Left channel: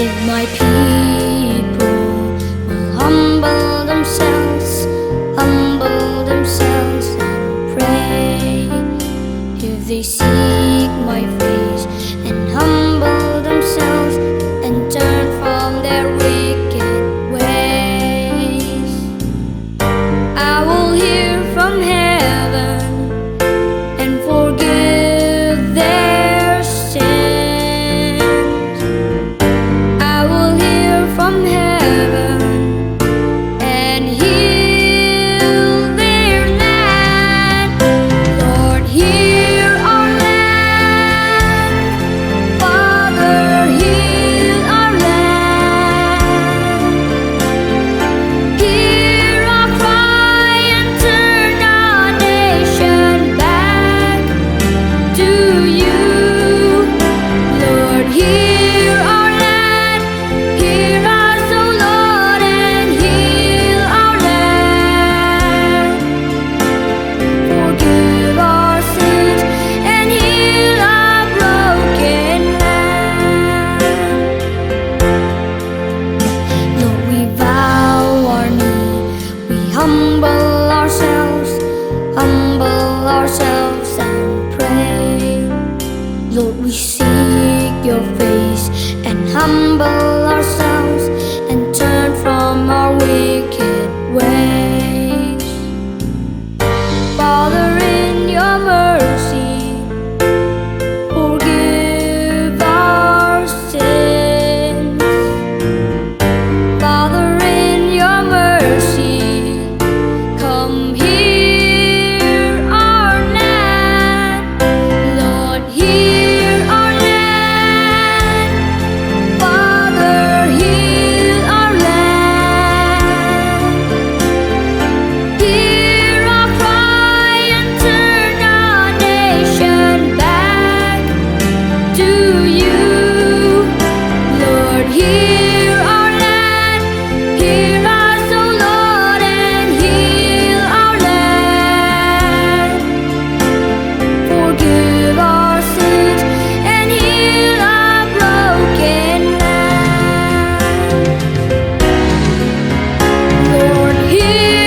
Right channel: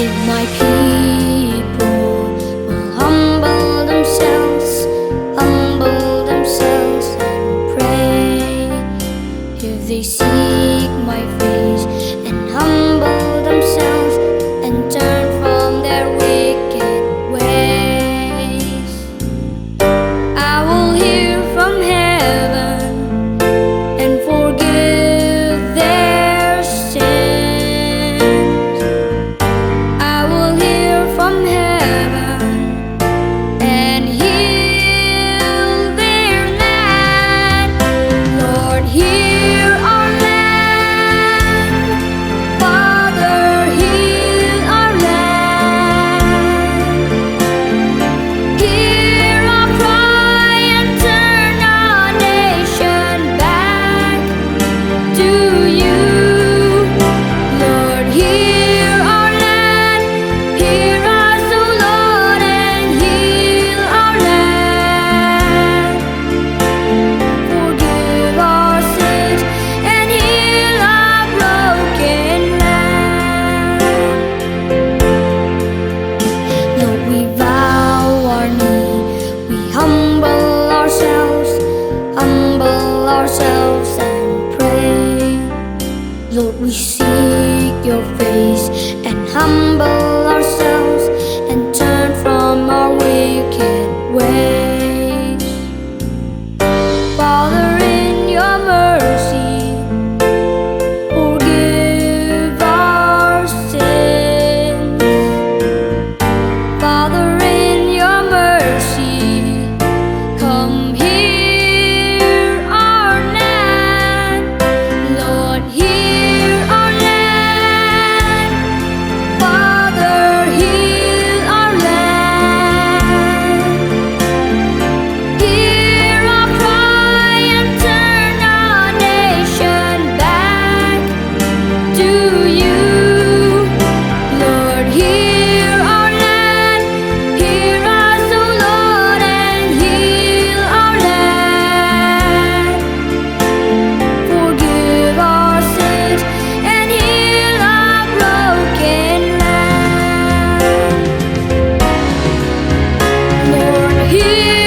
If my people will humble themselves and pray, if they seek my face and humble themselves and turn from their wicked ways, I will hear from heaven and forgive their sins. I will hear from heaven and heal their land. Lord, hear our land. Father, heal our land. Hear our cry and turn our nation back to you. Lord, hear our land. Hear us, O Lord, and heal our land. Forgive our sins and heal our broken land. Lord, we bow our knee, we humble ourselves and pray. Lord, we seek your face and humble ourselves and turn from our wicked ways. Father, in your mercy, forgive our sins. Father, in your mercy, come hear our land. Lord, hear our land. Father, heal our land. Hear our cry and turn our nation back to you. Lord, hear our land. Hear us, O Lord, and heal our land. Forgive our sins and heal our broken land. Lord, hear